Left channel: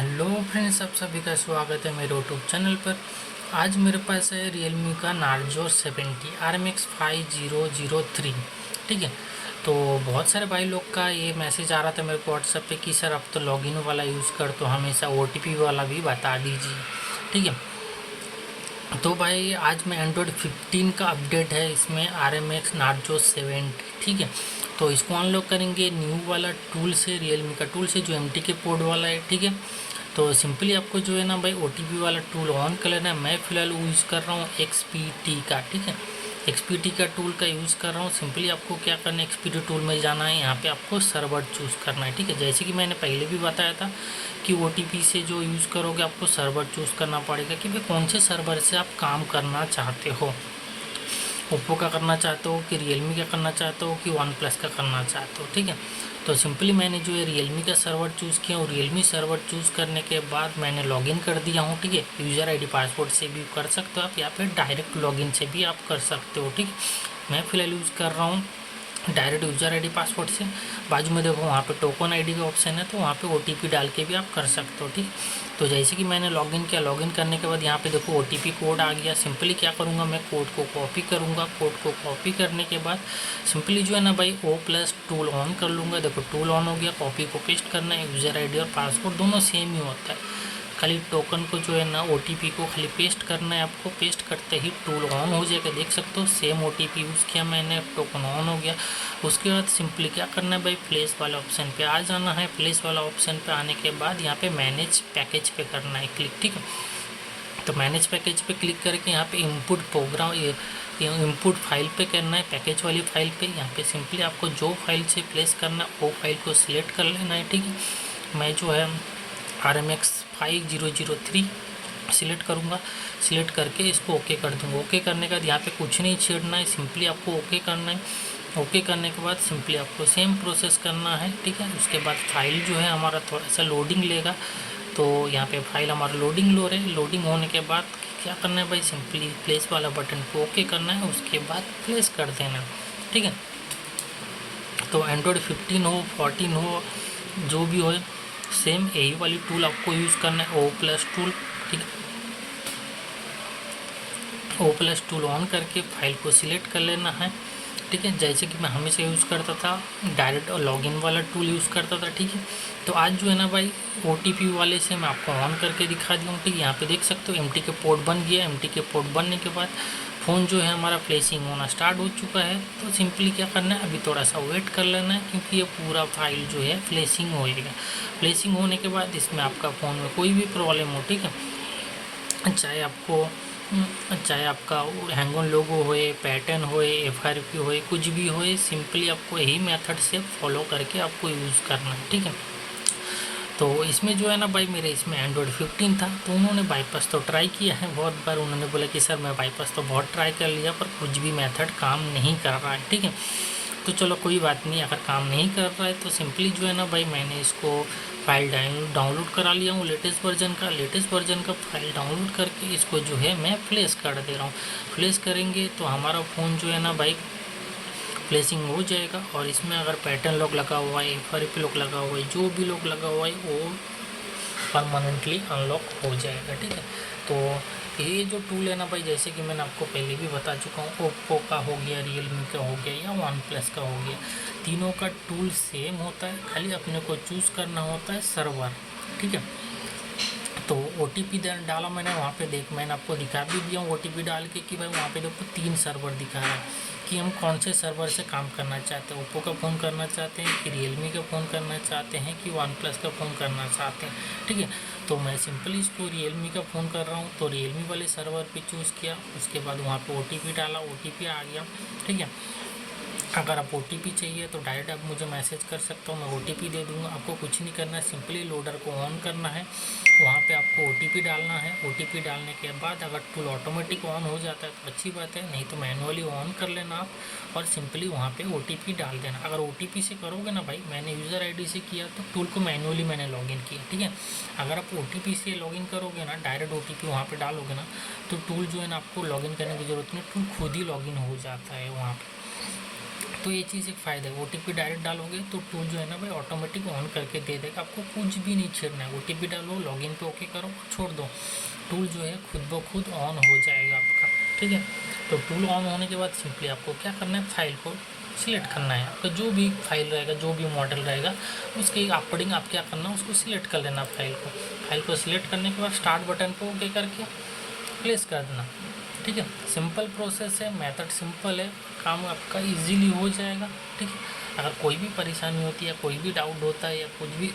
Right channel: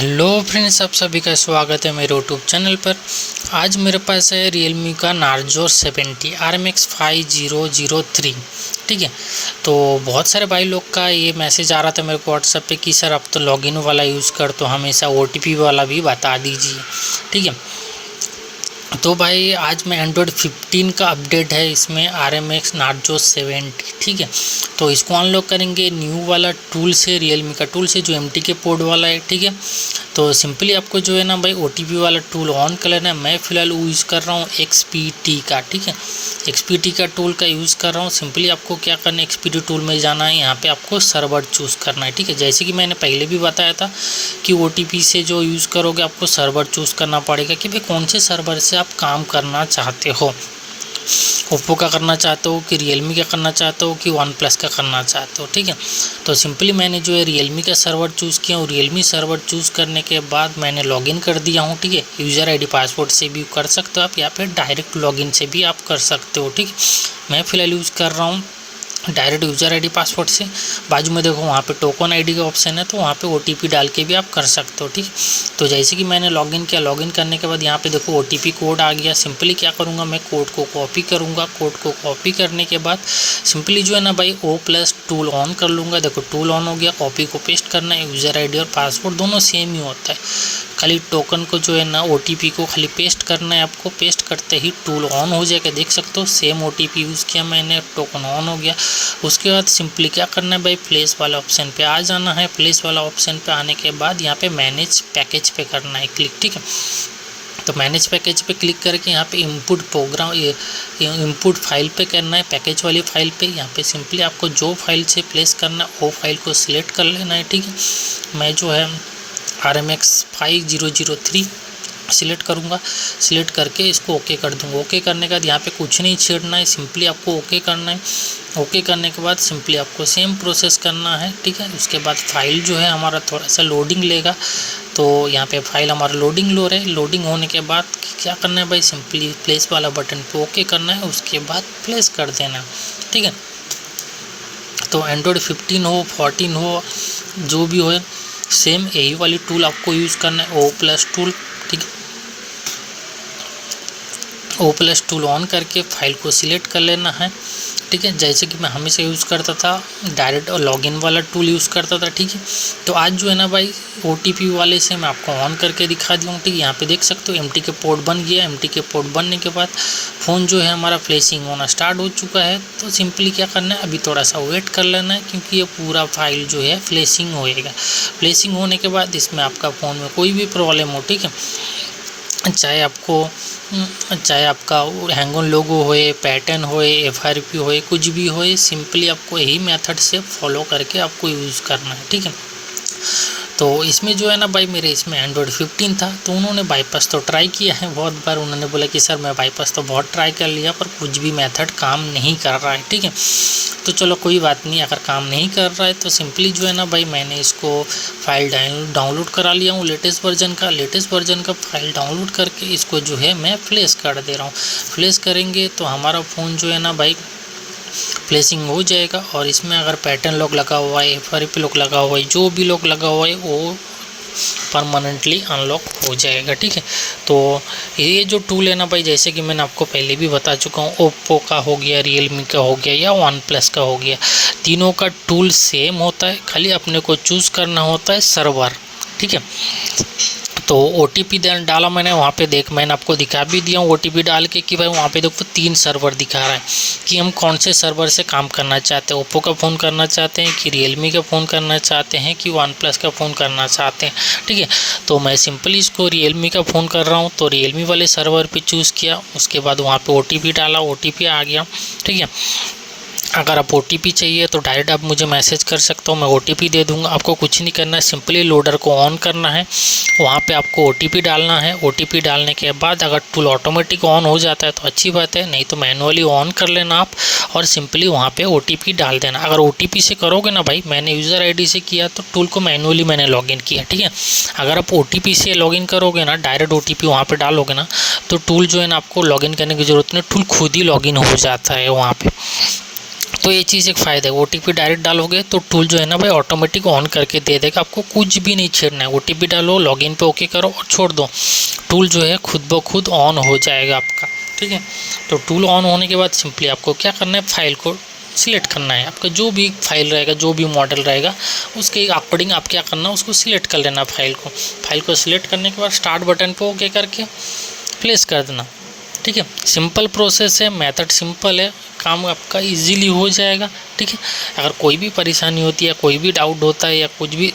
Hello friends, आप सभी का स्वागत है मेरे यूट्यूब चैनल पर। आज मेरे पास है रियलमी का नार्जो 70 RMX 5003। ठीक है, तो बहुत सारे भाई लोग का ये मैसेज आ रहा था मेरे को व्हाट्सएप पे कि सर अब तो लॉगिन वाला यूज़ कर, तो हमेशा OTP वाला भी बता दीजिए। ठीक है, तो भाई आज मैं एंड्रॉयड 15 का अपडेट है इसमें RMX नार्जो 70। ठीक है, तो इसको अनलॉक करेंगे न्यू वाला टूल से, रियलमी का टूल से जो MTK पोर्ट वाला है। ठीक है, तो सिंपली आपको जो है ना भाई OTP वाला टूल ऑन कर लेना है। मैं फ़िलहाल यूज़ कर रहा हूँ XPT का। ठीक है, XPT का टूल का यूज़ कर रहा हूँ। सिंपली आपको क्या करना है, XPT टूल में जाना है, यहाँ पे आपको सर्वर चूज़ करना है। ठीक है, जैसे कि मैंने पहले भी बताया था कि OTP से जो यूज़ करोगे आपको सर्वर चूज़ करना पड़ेगा कि भाई कौन से सर्वर से आप काम करना चाहते हो। ओप्पो का करना चाहते हो कि रियलमी का करना चाहते हो कि वन प्लस का करना चाहते हो। ठीक है, तो सिंपली मैंने जो है रियलमी का सर्वर चूज़ किया हूँ। रियलमी सर्वर चूज़ करने के बाद मैंने लॉगिन कर दिया हूँ। ठीक है, यूज़र ID पासवर्ड से भी कर सकते हो आप, या फिर डायरेक्ट लॉगिन से भी आप कर सकते हो। ठीक है, मैं फ़िलहाल यूज़ कर रहा हूँ डायरेक्ट यूज़र ID पासवर्ड से। बाजू में देखो वहाँ पे टोकन ID का ऑप्शन है, तो वहाँ पे OTP डाल के भी आप कर सकते हो। ठीक, तो जैसे कि मैंने लॉगिन किया, लॉगिन करने के बाद यहाँ पे देखो OTP कोड आ गया। सिंपली क्या करूँगा, मैं कोड को कॉपी करूँगा। कोड को कॉपी करने के बाद सिंपली जो है ना भाई O+ टूल ऑन कर लूँगा। देखो टूल ऑन हो गया, कॉपी को पेस्ट करना है। यूज़र ID और पासवर्ड दोनों सेम ही होता है, खाली टोकन को जो है ना OTP को खाली पेस्ट करना है आपको। पेस्ट करते ही टूल ऑन हो जाएगा, देख सकते हो सेम OTP यूज़ किया मैंने, टोकन ऑन हो गया। उसके बाद सिंपली क्या करना है भाई, प्लेस वाला ऑप्शन पे आ जाना है। प्लेस वाला ऑप्शन पे आने के बाद यहाँ पे मैनेज पैकेज पे करना है क्लिक। ठीक है, तो मैनेज पैकेज पे क्लिक करके यहाँ पे इनपुट प्रोग्राम इनपुट फाइल पे करना है, पैकेज वाली फाइल पे। यहाँ पे सिंपली आपको जो फाइल से प्लेस करना है वो फाइल को सिलेक्ट कर लेना है। ठीक है, मैं जो है RMX 5003 सिलेक्ट करूँगा। सिलेक्ट करके इसको ओके कर दूँगा। ओके करने के बाद यहाँ पे कुछ नहीं छेड़ना है, सिंपली आपको ओके करना है। ओके करने के बाद सिंपली आपको सेम प्रोसेस करना है। ठीक है, उसके बाद फाइल जो है हमारा थोड़ा सा लोडिंग लेगा, तो यहाँ पे फाइल हमारा लोडिंग लो रहे। लोडिंग होने के बाद क्या करना है भाई, सिंपली प्लेस वाला बटन पे ओके करना है, उसके बाद प्लेस कर देना। ठीक है, तो एंड्रॉयड 15 हो 14 हो जो भी हो, सेम यही वाली टूल आपको यूज़ करना है, O+ टूल। ठीक है, O+ टूल ऑन करके फाइल को सिलेक्ट कर लेना है। ठीक है, जैसे कि मैं हमेशा यूज़ करता था डायरेक्ट लॉगिन वाला टूल यूज़ करता था। ठीक है, तो आज जो है ना भाई OTP वाले से मैं आपको ऑन करके दिखा दिया हूँ। ठीक है, यहाँ पे देख सकते हो MTK पोर्ट बन गया। MTK पोर्ट बनने के बाद फ़ोन जो है हमारा फ्लैशिंग होना स्टार्ट हो चुका है। तो सिंपली क्या करना है, अभी थोड़ा सा वेट कर लेना है, क्योंकि ये पूरा फाइल जो है फ्लैशिंग होएगा। फ्लैशिंग होने के बाद इसमें आपका फ़ोन में कोई भी प्रॉब्लम हो, ठीक है, चाहे आपका हैंग ऑन लोगो होए, पैटर्न होए, FRP होए, कुछ भी होए, सिंपली आपको यही मेथड से फॉलो करके आपको यूज़ करना है। ठीक है, तो इसमें जो है ना भाई मेरे इसमें एंड्रॉयड 15 था, तो उन्होंने बाईपास तो ट्राई किया है बहुत बार। उन्होंने बोला कि सर मैं बाईपास तो बहुत ट्राई कर लिया पर कुछ भी मेथड काम नहीं कर रहा है। ठीक है, तो चलो कोई बात नहीं, अगर काम नहीं कर रहा है तो सिंपली जो है ना भाई मैंने इसको फाइल डाउनलोड करा लिया हूँ लेटेस्ट वर्जन का फाइल डाउनलोड करके इसको जो है मैं फ्लैश कर दे रहा हूँ। फ्लैश करेंगे तो हमारा फ़ोन जो है ना भाई फ्लैशिंग हो जाएगा, और इसमें अगर पैटर्न लॉक लगा हुआ है, FRP लॉक लगा हुआ है, जो भी लॉक लगा हुआ है वो परमानेंटली अनलॉक हो जाएगा। ठीक है, तो ये जो टूल है ना भाई, जैसे कि मैंने आपको पहले भी बता चुका हूँ, ओप्पो का हो गया, रियलमी का हो गया या वन प्लस का हो गया, तीनों का टूल सेम होता है, खाली अपने को चूज़ करना होता है सर्वर। ठीक है, तो OTP डाला मैंने वहाँ पे, मैंने आपको दिखा भी दिया हूँ OTP डाल के कि भाई वहाँ पे देखो 3 सर्वर दिखा रहा है कि हम कौन से सर्वर से काम करना चाहते हैं। ओप्पो का फ़ोन करना चाहते हैं कि रियलमी का फ़ोन करना चाहते हैं कि वन प्लस का फ़ोन करना चाहते हैं। ठीक है, तो मैं सिंपली इसको रियलमी का फ़ोन कर रहा हूँ, तो रियलमी वाले सर्वर पर चूज़ किया। उसके बाद वहाँ पर OTP डाला, OTP आ गया। ठीक है, अगर आप OTP चाहिए तो डायरेक्ट आप मुझे मैसेज कर सकते हो, मैं OTP दे दूंगा। आपको कुछ नहीं करना है, सिंपली लोडर को ऑन करना है, वहाँ पे आपको OTP डालना है। OTP डालने के बाद अगर टूल ऑटोमेटिक ऑन हो जाता है तो अच्छी बात है, नहीं तो मैनुअली ऑन कर लेना आप, और सिंपली वहाँ पे OTP डाल देना। अगर OTP से करोगे ना भाई, मैंने यूज़र ID से किया तो टूल को मैनुअली मैंने लॉगिन किया। ठीक है, अगर आप OTP से लॉगिन करोगे ना, डायरेक्ट OTP वहाँ पर डालोगे ना, तो टूल जो है ना आपको लॉगिन करने की ज़रूरत नहीं, टूल खुद ही लॉगिन हो जाता है वहाँ पर। तो ये चीज़ एक फ़ायदा है। OTP डायरेक्ट डालोगे तो टूल जो है ना भाई ऑटोमेटिक ऑन करके दे देगा, आपको कुछ भी नहीं छेड़ना है। OTP डालो, लॉगिन पे ओके करो और छोड़ दो, टूल जो है खुद ब खुद ऑन हो जाएगा आपका, ठीक है। तो टूल ऑन होने के बाद सिंपली आपको क्या करना है, फाइल को सिलेक्ट करना है। आपका जो भी फाइल रहेगा, जो भी मॉडल रहेगा, उसके अकॉर्डिंग आप क्या करना है, उसको सिलेक्ट कर लेना फाइल को सिलेक्ट करने के बाद स्टार्ट बटन पे ओके करके प्लेस कर देना, ठीक है। सिंपल प्रोसेस है, मेथड सिंपल है, काम आपका इजीली हो जाएगा, ठीक है। अगर कोई भी परेशानी होती है, कोई भी डाउट होता है या कुछ भी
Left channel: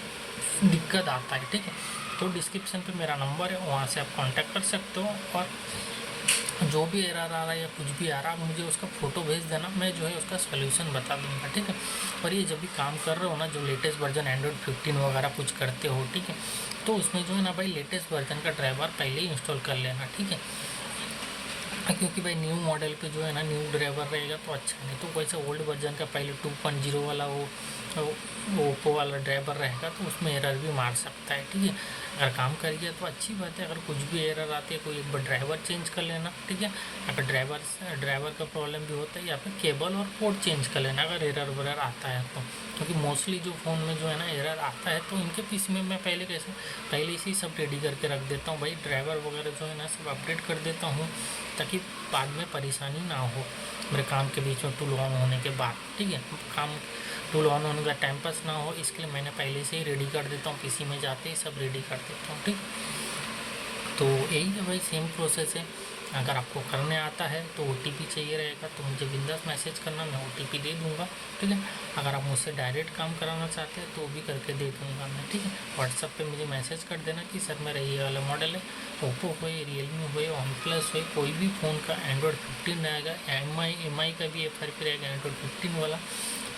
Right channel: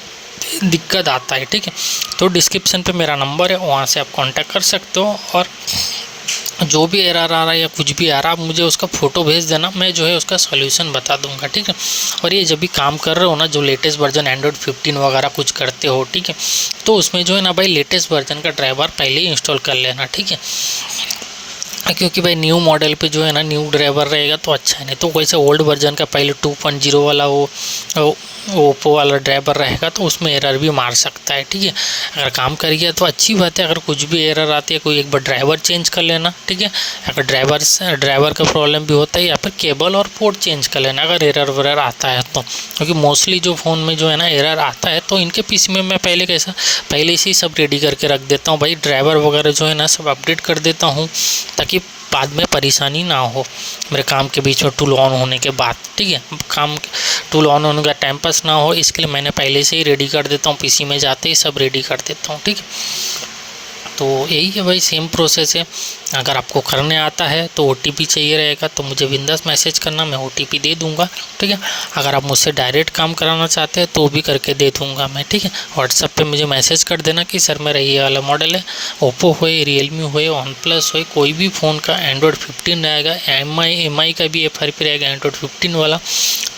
दिक्कत आता है, ठीक है, तो डिस्क्रिप्शन पे मेरा नंबर है, वहाँ से आप कांटेक्ट कर सकते हो। और जो भी एरर आ रहा है या कुछ भी आ रहा है, आप मुझे उसका फ़ोटो भेज देना, मैं जो है उसका सॉल्यूशन बता दूंगा, ठीक है। और ये जब भी काम कर रहे हो ना, जो लेटेस्ट वर्जन एंड्रॉयड 15 वगैरह कुछ करते हो, ठीक है, तो उसमें जो है ना भाई लेटेस्ट वर्जन का ड्राइवर पहले ही इंस्टॉल कर लेना, ठीक है। क्योंकि भाई न्यू मॉडल पे जो है ना न्यू ड्राइवर रहेगा तो अच्छा है, नहीं तो कोई सा ओल्ड वर्जन का पहले 2.0 वाला वो ओप्पो वाला ड्राइवर रहेगा तो उसमें एरर भी मार सकता है, ठीक है। अगर काम कर गया तो अच्छी बात है, अगर कुछ भी एरर आती है कोई एक बार ड्राइवर चेंज कर लेना, ठीक है। अगर ड्राइवर का प्रॉब्लम भी होता है या फिर केबल और पोर्ट चेंज कर लेना अगर एरर वगैरह आता है तो, क्योंकि मोस्टली जो फ़ोन में जो है ना एरर आता है तो इनके पीसी में मैं पहले से ही सब रेडी करके रख देता हूँ भाई, ड्राइवर वगैरह जो है ना सब अपडेट कर देता हूँ ताकि बाद में परेशानी ना हो मेरे काम के बीच में टूल ऑन होने के बाद, ठीक है। टूल ऑन होने का टाइम पास ना हो, इसके लिए मैंने पहले से ही रेडी कर देता हूँ, पीसी में जाते ही सब रेडी कर देता हूँ, ठीक है। तो यही है भाई, सेम प्रोसेस है। अगर आपको करने आता है तो OTP चाहिए रहेगा तो मुझे बिंदास मैसेज करना, मैं OTP दे दूंगा, ठीक है। अगर आप मुझसे डायरेक्ट काम कराना चाहते हैं तो भी करके दे दूंगा मैं, ठीक है। व्हाट्सएप पे मुझे मैसेज कर देना कि सर मेरा ये वाला मॉडल है, ओप्पो हो, रियलमी हो, OnePlus हो, कोई भी फ़ोन का एंड्रॉयड 15 रहेगा, MI का भी FRP रहेगा एंड्रॉयड 15 वाला,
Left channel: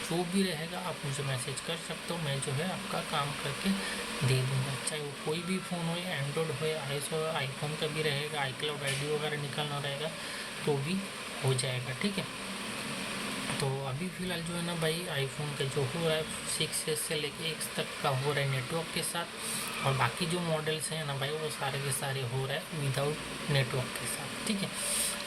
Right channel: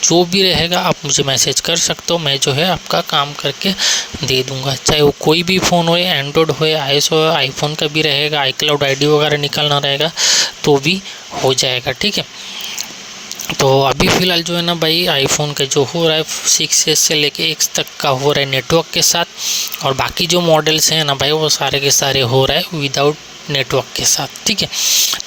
जो भी रहेगा आप मुझे मैसेज कर सकते हो, मैं जो है आपका काम करके दे दूँगा। चाहे वो कोई भी फ़ोन हो, एंड्रॉयड हो, iOS हो, आईफोन का भी रहेगा, iCloud ID वगैरह निकलना रहेगा तो भी हो जाएगा, ठीक है। तो अभी फ़िलहाल जो है ना भाई आईफोन का जो हो रहा है 6S से लेके X तक का हो रहा है नेटवर्क के साथ, और बाकी जो मॉडल्स हैं ना भाई वो सारे के सारे हो रहा है विदाउट नेटवर्क के साथ, ठीक है।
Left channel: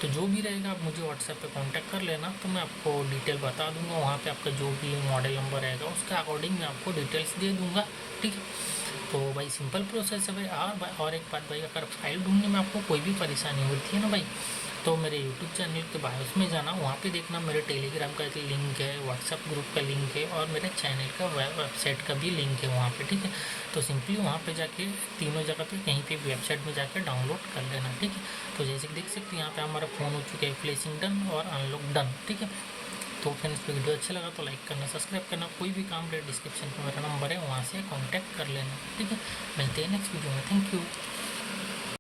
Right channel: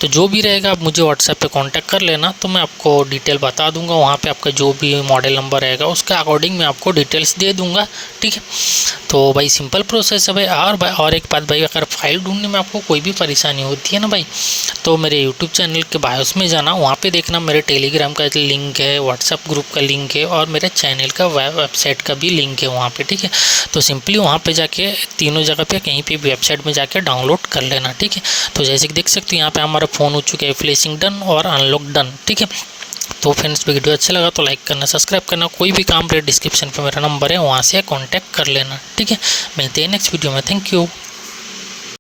तो जो भी रहेगा आप मुझे व्हाट्सएप पे कांटेक्ट कर लेना, तो मैं आपको डिटेल बता दूंगा, वहाँ पे आपका जो भी मॉडल नंबर रहेगा उसका अकॉर्डिंग मैं आपको डिटेल्स दे दूंगा, ठीक है। तो भाई सिंपल प्रोसेस है भाई। और एक बात भाई, अगर फाइल ढूंढने में आपको कोई भी परेशानी होती है ना भाई, तो मेरे यूट्यूब चैनल के बायोस में जाना, वहाँ पर देखना मेरे टेलीग्राम का लिंक है, व्हाट्सअप ग्रुप का लिंक है और मेरे चैनल का वेबसाइट का भी लिंक है वहाँ पर, ठीक है। तो सिंपली वहाँ पर जाके तीनों जगह पर कहीं पर वेबसाइट में जाके डाउनलोड कर लेना, ठीक है। तो जैसे कि देख सकते हो यहाँ पे हमारा फ़ोन हो चुका है फ्लैशिंग डन और अनलॉक डन, ठीक है। तो फ्रेंड्स वीडियो अच्छा लगा तो लाइक करना, सब्सक्राइब करना, कोई भी काम रहे डिस्क्रिप्शन पे मेरा नंबर है वहाँ से कांटेक्ट कर लेना, ठीक है। मिलते हैं नेक्स्ट वीडियो में, थैंक यू।